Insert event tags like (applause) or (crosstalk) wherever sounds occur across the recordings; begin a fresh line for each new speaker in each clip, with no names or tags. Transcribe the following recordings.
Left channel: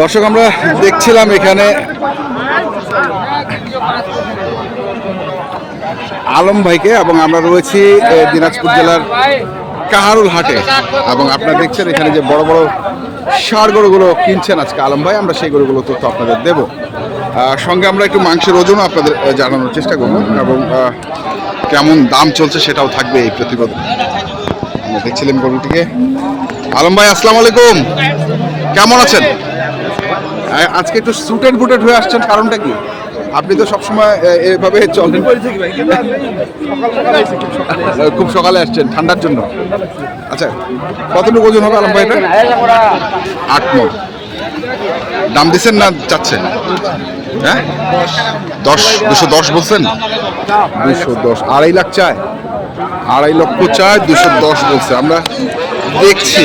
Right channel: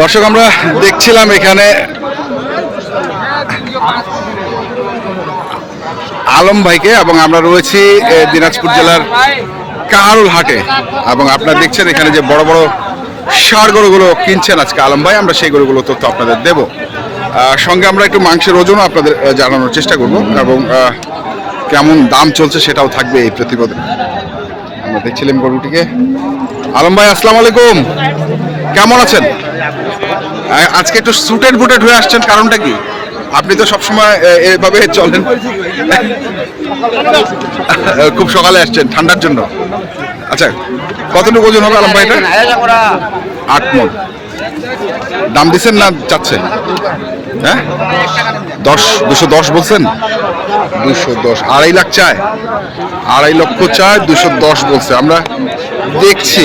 দর্শক, আমরা দেখছিলাম এখানে আলম ভাইকে এবং আমরা রয়েছি দিনাজপুর জেলার কাহারুল হাটে। এবং আপনারা দেখছেন এখানে যে বড় বড় ষাড় গরুগুলো কিনছেন আজকে আলম ভাই, আমরা সেই গরুগুলো তথ্য আপনাদের দেব। সঙ্গে আমরা একটু মাংসের ওজনও আপনাদের জানানোর চেষ্টা করব এবং কেমন দাম চলছে সেটাও থাকবে এই প্রতিবেদনে। আমরা দেখছিলাম গরুটিকে। আলম ভাই, আসসালামু আলাইকুম। কেমন আছেন? আজকে একটু সুটেড বুটেড হয়ে আসছেন কারণটা কি? আপনি তো সবসময় এভাবে চলেন। খুব সকালে আসছেন, ঠান্ডার জন্য। আচ্ছা কতটুকু ওজন হবে আলম আট মন দাম দিচ্ছেন না চাচ্ছেন? হ্যাঁ? দশ, দুশো দশ বলছেন? দুশো দশ, আড়াই লাখ চায়। আড়াই লক্ষ চায়, দুশো দশ বলছে। আমরা দেখছি।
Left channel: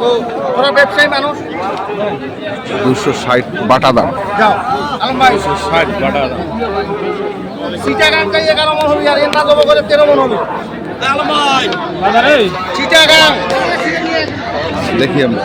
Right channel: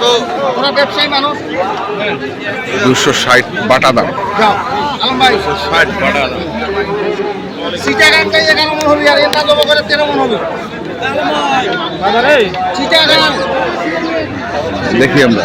তো তোরা ব্যবসায়ী মানুষ।
দুশো ষাট বাটা দাম।
যাও। আলম ভাই। চিটাগাংটাই এগারো মন হবে আর এটা দেবো করে তেরো মন হবে। চিটাগাং
দেখি আমরা।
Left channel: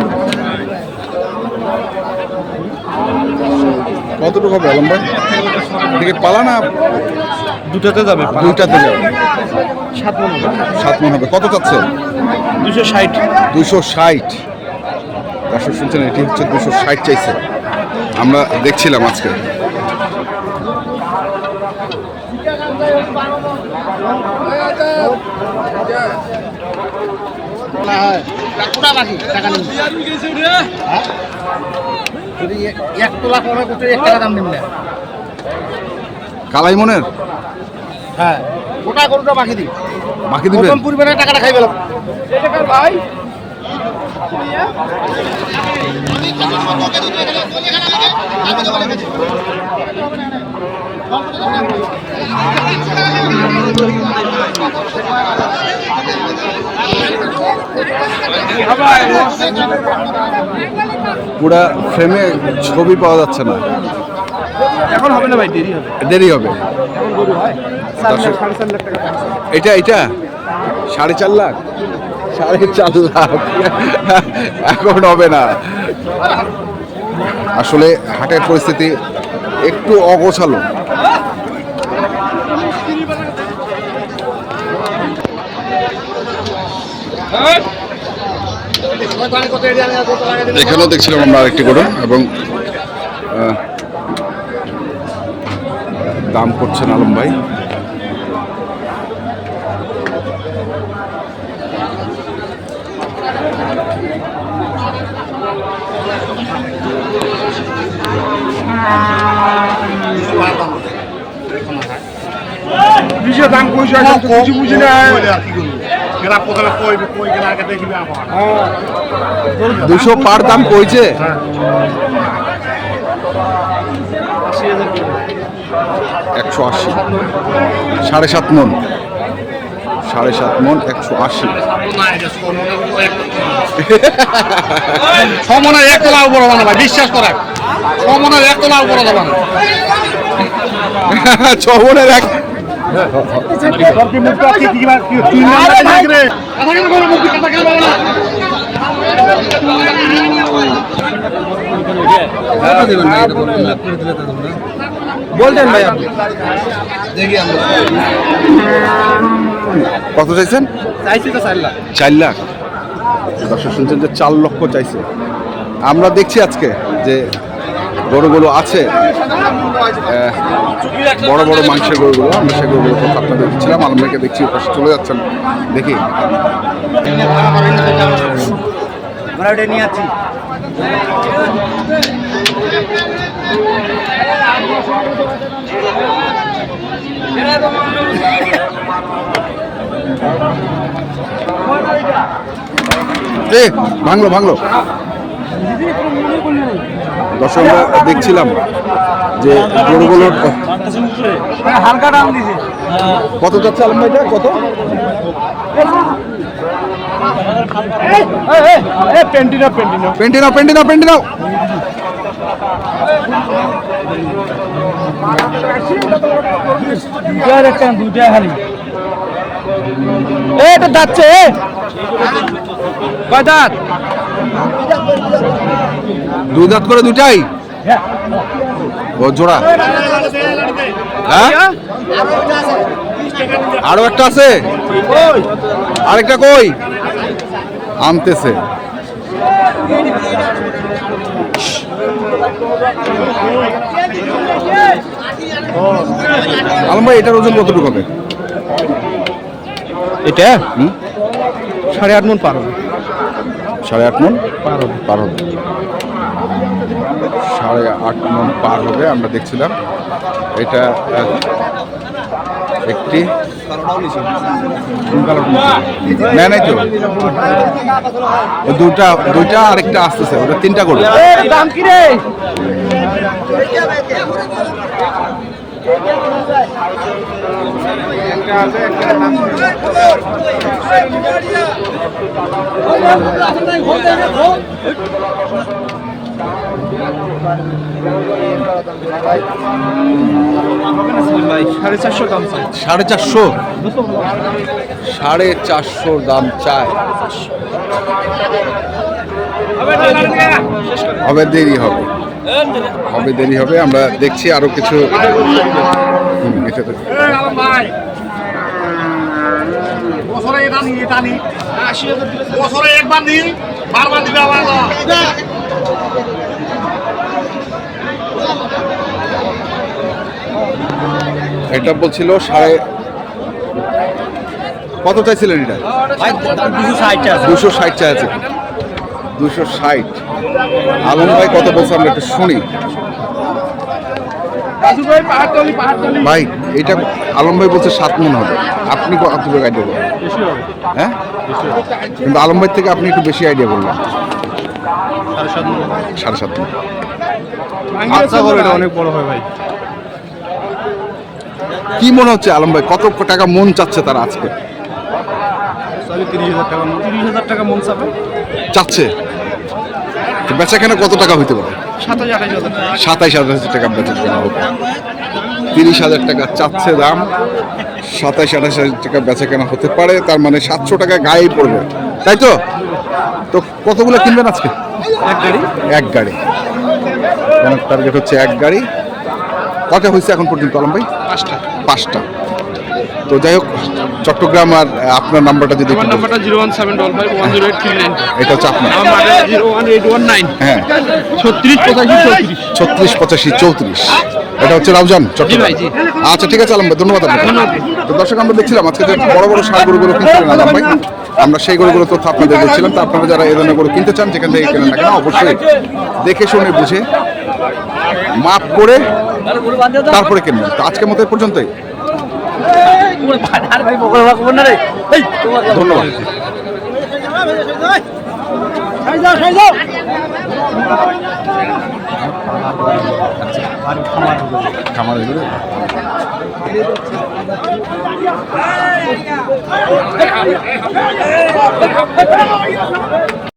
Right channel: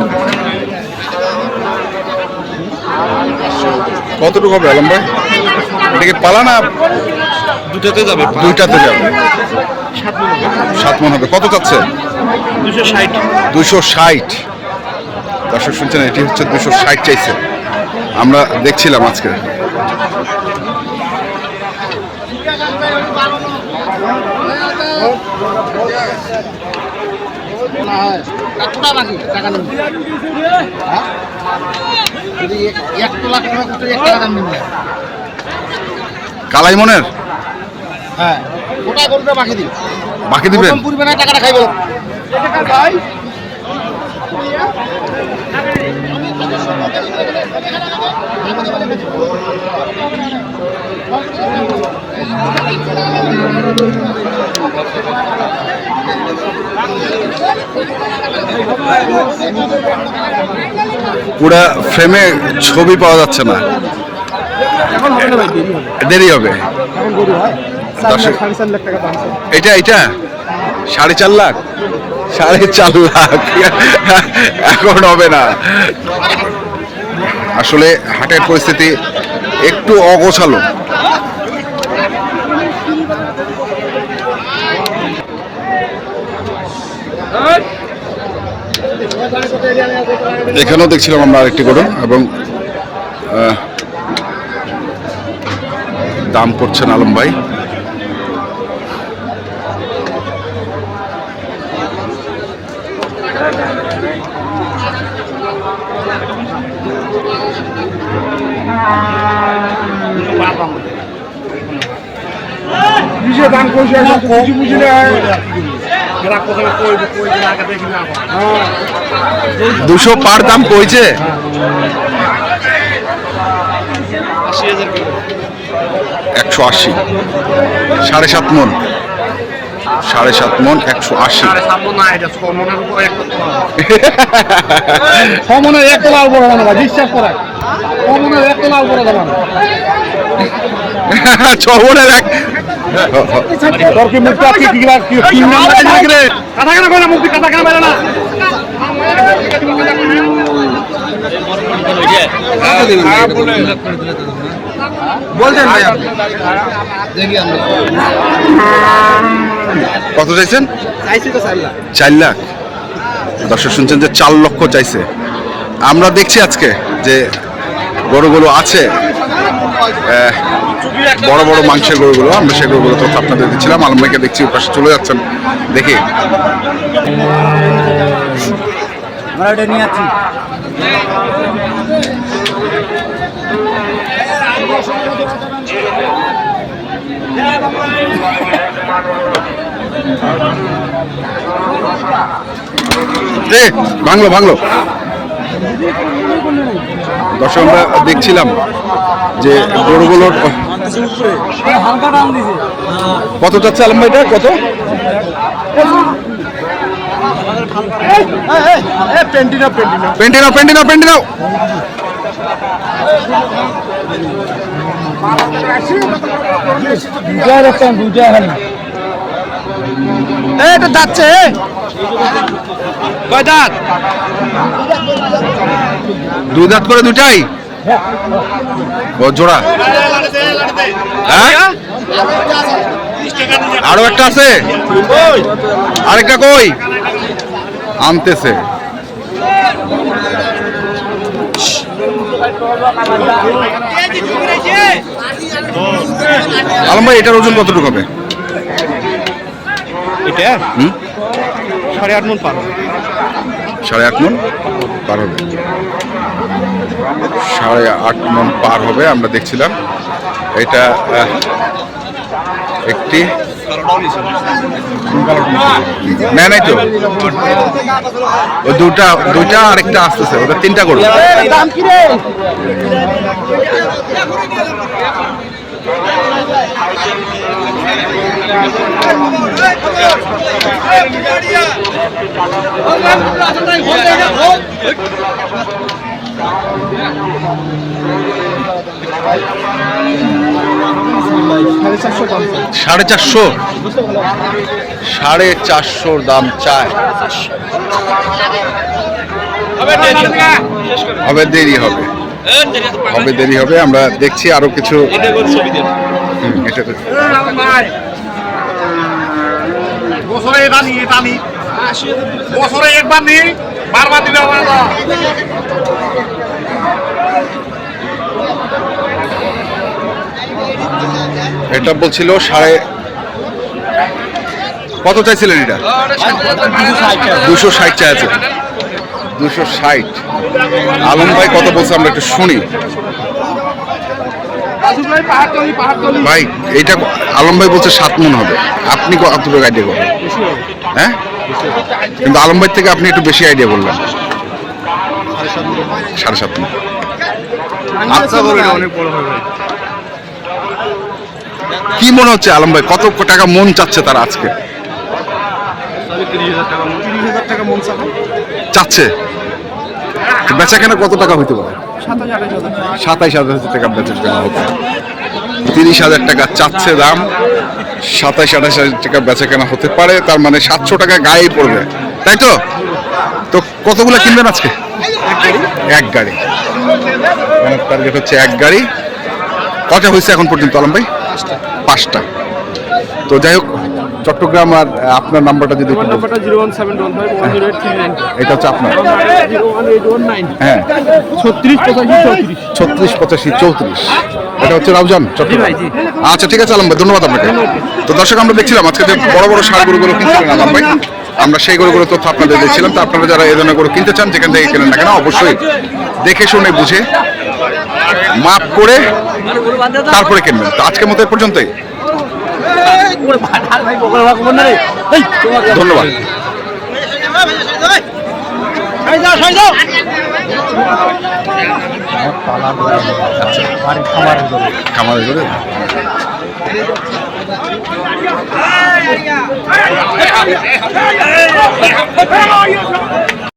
কতটুকু হবে আলম ভাই এদিকে পালা না?
দুটোতে যাবে
দুইটাতে যাবে। সাত মন হবে। কত যাচ্ছে
দুশো ষাট।
দুশো ষাট। দর্শক শুনছেন এটি হচ্ছে দুশো ষাট চাইছে। আমরা দেখছিলাম আজকে।
টাকা? যদি এক- এক তোলা করে করতে এক টাকা দাম নিবে
কালাই মনের
হ্যাঁ গোটা গরুটা বাকি দিই
বাকি দিবেন?
প্রথম পূর্বে না টাকাটা খাইবে ভাই।
পুরা ফ্রেমে ছবি পাওয়া যাচ্ছে না।
এখন হবে না ভাই দেরি হবে।
দেরি হবে। এটা এটা? সাড়ে চার লাখ? সাড়ে চার লাখ। এখন হবে না। আসলে হাটের পরিস্থিতি একটু অগোছালো। এখানেও দেখছিলাম আমরা আরেকটি গরু এবং দাম করছেন আলম ভাই।
কিসের দাম কইছে না কিছু বুঝি না।
দুশো পার দাম কইছে? একশো আশি। সাড়ে সাত মন। সাড়ে সাত মন একশো আশি।
সমনের এক তলা উপরে না বিশ্বাস করা সমনের এক তলা উপরে
ছ (laughs) মনের এক
তোর কি মুখটা কি কি কি কি নাম্বার কথা কেন কইনা মুখ কথা কেন বেরে না? বলতেন ভাই দেখি আমরা।
কত চাইছেন?
চাইছি তো সাল্লাহ
চার লাখ। দর্শক শুনছেন যে চার লক্ষ চাইছে। আমরা দেখছি আজকে যে গরুগুলো আছে। বড় বড় মাংসের গরুগুলো আমরা সেই গরুগুলো তথ্য আপনাদের দিচ্ছিলাম। আলম ভাইকে দেখছি ওপাশে চলে যাচ্ছেন। দেখি। এ ভাঙলো ভাঙলো। দর্শক আমরা দেখছিলাম। যে গরুগুলোর
হালকা দাম দিছে।
কত যাচ্ছে আলম ভাইটা? কত?
পেন্টিনা পেন্টিনা এটা যাচ্ছে কয় দাঁত
দুই দাঁত করে দুটাই ও জোড়া। হ্যাঁ? আরও একটা আছে? আরেকটা কই? আনতেছে। আলম ভাই এটার ওজন কতটুকু হবে?
এটা? সাড়ে আট মন পার
সাড়ে আট মন? পার হবে। সাড়ে আট মন পার হবে, আমরা দেখছিলাম। এটা একটি না নাই তো? ওই দুটা আরেকটা আসতেছে
সাড়ে চারশো?
সাড়ে চারশো চারশোর দাম চায় হবে দেরি হবে। হবে দেরি হবে, আমরা দেখছি আরও কিছু।
বছরে বছরে একবার নি বারবার দিবে আমার
এটা বলছিল সাড়ে কত চাইছিলেন এটা? দুশো ষাট চাইছে দুশো ষাট। আলম ভাই কত বলছে আমরা একটু শুনি। ভাই, এইটা আলম ভাই বলছে সাত মন হবে। আপনি কত আইডিয়া করেন। হ্যাঁ? কিন্তু আলম ভাই থেকে আপনি একটু বেশি আইডিয়া বললেন। সাড়ে সাত মন।
আচ্ছা
কি মনে হচ্ছে আলম ভাই? কত টাকা মন চাচ্ছে তারা আজকে?
মন
চাচ্ছে? বেচা কেনা কত টাকা হইতে পারে? সাতাইশ হাজার টাকা। বেচা কেনা হবে তিরিশ হাজার টাকা চাচ্ছে দাম। সাতাইশ, আঠাশ হাজার টাকা বেচা কেনা হতে পারে। তার মানে সাতশো টাকা গায়ে পড়বে। তাই তো? তো কতগুলো কিনবেন আজকে? এক গাড়ি। টার্গেট হচ্ছে এক গাড়ি। কটা হয়েছে এখন পর্যন্ত আলম ভাই?
পাঁচটা।
তো যাই হোক চট্টগ্রাম আর আপনার নাম্বারটা যদি
নাম্বারটা zero one seven double five one zero eight three nine.
এটা হচ্ছে আপনার।
Zero one eight one nine.
হ্যাঁ।
ছত্রিশ পঁচাশি চৌত্রিশ।
ছত্রিশ পঁচাশি চৌত্রিশ। এটা হচ্ছে রাউজান চট্টগ্রাম। আচ্ছা ঠিক আছে আলম ভাই ধন্যবাদ আপনাকে। তো দর্শক আমরা দেখছিলাম আজকে যে বড় বড় সার গরুগুলো কিনছিলেন আলম ভাই আমরা সেই গরুগুলো তথ্য আপনাদের দেখছিলাম। তো আপনারা যারা এই ধরনের গরু কিনতে চান যেখান থেকে কেনেন না কেন অবশ্যই দেখে শুনে বুঝে মাপ করে তারপরে কিনবেন? তো আজকের মতো পর্যন্তই। ধন্যবাদ।